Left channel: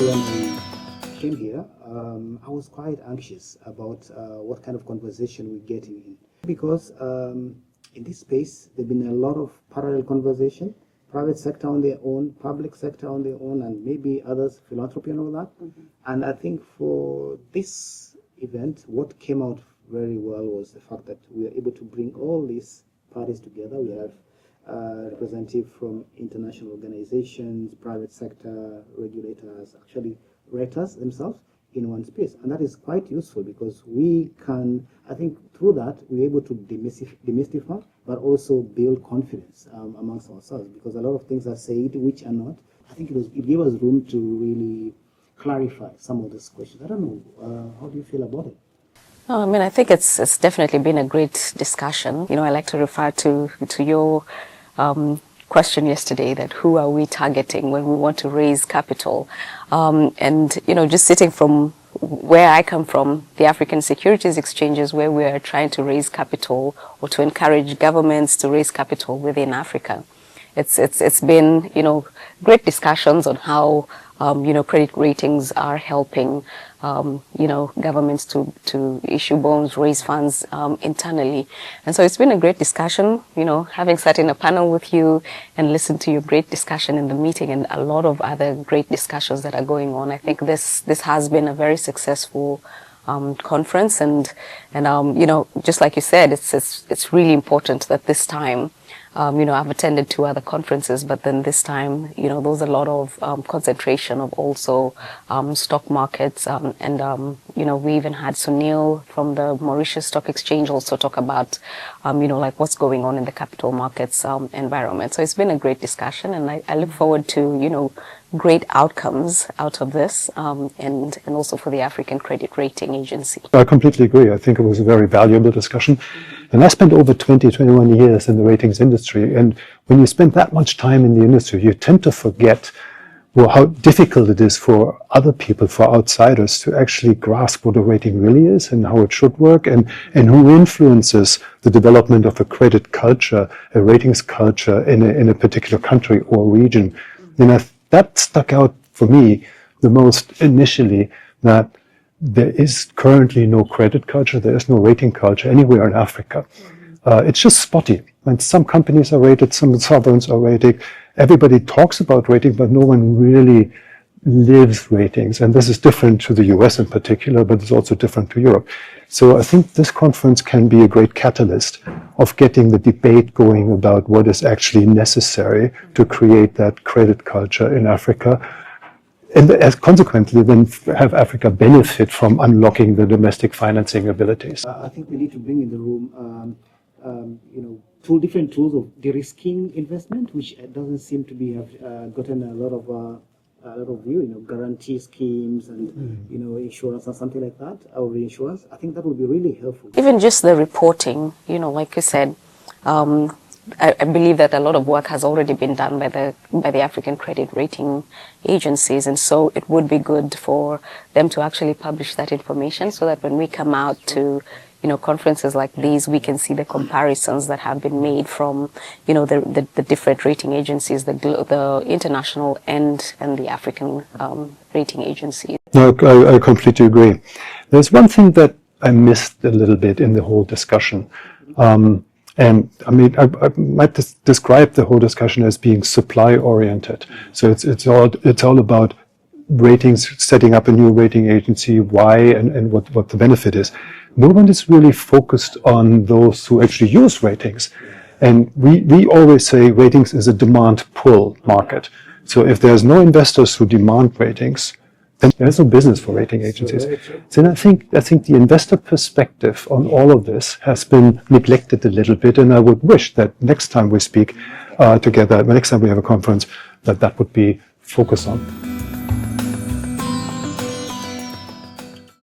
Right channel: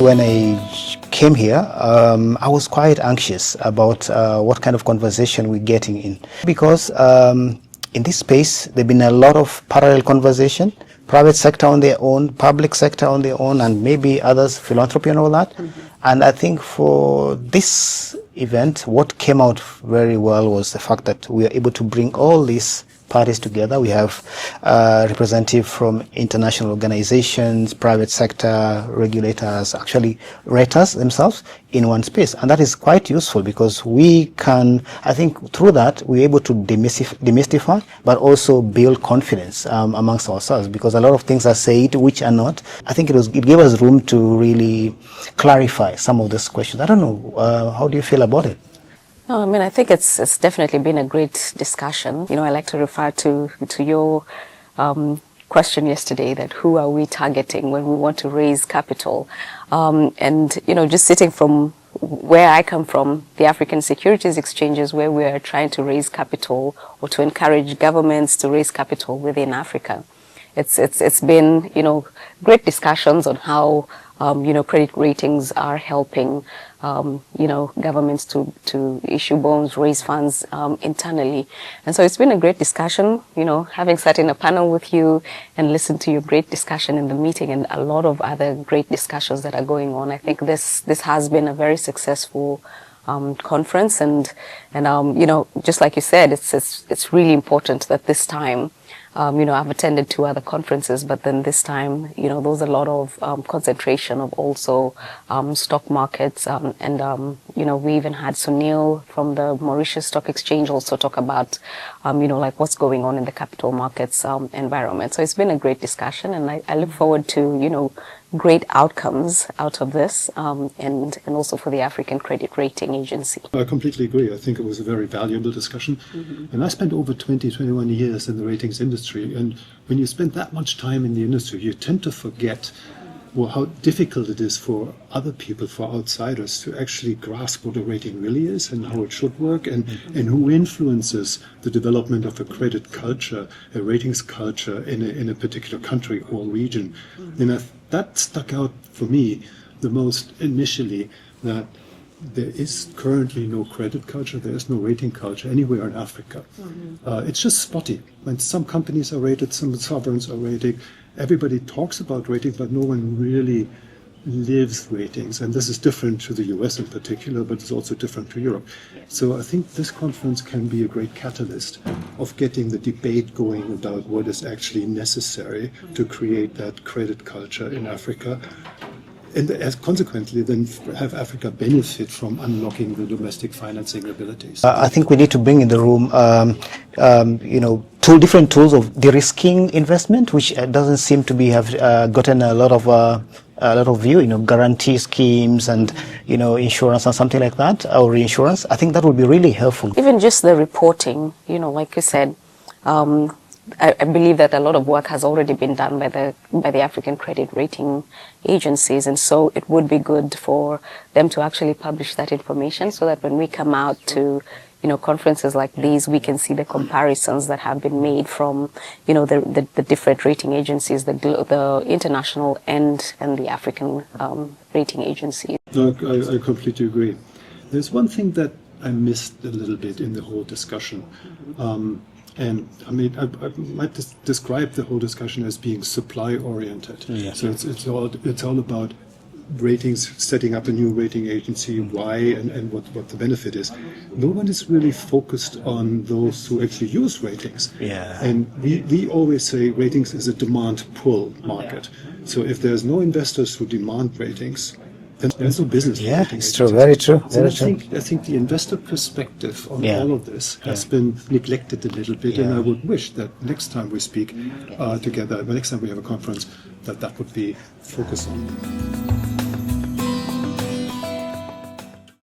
When I came here, I was quite anxious about what kind of conversation we're getting in. Because in this space, there have been a lot of parallel conversation, private sector on their own, public sector on their own, and maybe others, philanthropy and all that. And I think for this event, what came out very well was the fact that we are able to bring all these parties together. We have representatives from international organizations, private sector, regulators, actually raters themselves in one space. And that is quite useful because we can, I think through that, we're able to demystify, but also build confidence amongst ourselves, because a lot of things are said which are not. I think it gave us room to really clarify some of these questions. I don't know, how do you feel about it? No, I mean, I think it's definitely been a great discussion. You know, I like to refer to your question yesterday, that who are we targeting when we want to raise capital? And, you know, just sitting from where I come from, the African Securities Exchanges, where we are trying to raise capital or to encourage governments to raise capital within Africa. It's been, you know, great discussions on how, you know, credit ratings are helping, you know, governments to issue bonds, raise funds internally. And so it's been a great discussion, you know, having sat in a panel with you and listened to your great discussion in the meeting and a lot of other great discussions that are going on. I think this has been a very successful conference, and you know, just like you said, it's really important that this time, you know, I've attended 2 other conferences, but then this time, you know, there's a lot of concentration of also stock markets, and you know, we even had Sunil from the Mauritius Stock Exchange also talk about, you know, like what's going on in the capital markets environment. So it's been a great discussion, and I look forward to, you know, great outcomes out of this, and also for the African Credit Rating Agency. I completely agree. I think it was a very valuable discussion. And I spent over 21 years in the ratings industry. And when you spend that much time in the industry, you tend to forget, well, how difficult it is for other people, for outsiders, to actually grasp what a rating really is and how it should work, and who influences the development of a credit culture, a ratings culture in a particular country or region. You know, that stuck out for me the most initially, that there is currently no credit culture, there is no rating culture anywhere in Africa. It's just spotty. And some companies are rated, some sovereigns are rated. Everybody talks about rating, but no one really lives ratings. And this is different to the US in particular, but it's also different to Europe. So I think this conference can be a great catalyst of getting the debate going about what is actually necessary to create that credit culture in Africa. And as consequently, then have Africa benefit from unlocking the domestic financing abilities. I think we need to bring in the room, you know, 2 different tools of de-risking investment, which doesn't seem to have gotten a lot of view, you know, guarantee schemes and, you know, insurance or something like that, or reinsurance. I think that would be really helpful. Even just the reporting, you know, like you said, I believe that a lot of work has already been done by the African Credit Rating Agencies, and so it would be good for them to actually publish that information so that when we come out to, you know, conferences like these, we can see the comparisons that have been made from, you know, the different rating agencies, the international and the African rating agencies. No, I completely agree. There's one thing that I missed a little bit in the whole discussion. And I mean, I might describe the whole discussion as being supply-oriented. Yeah. So it's all about ratings, setting up a new rating agency, why, and what the benefit is. No one is really focused on those who actually use ratings. Yeah. And we always say ratings is a demand-pull market. So if there's no investors who demand ratings, then there's no business for rating agencies. True, very true. And I think the investor perspective on all of this has been neglected a little bit, and I would wish that next time we speak together, next time we have a conference, that would be focused on.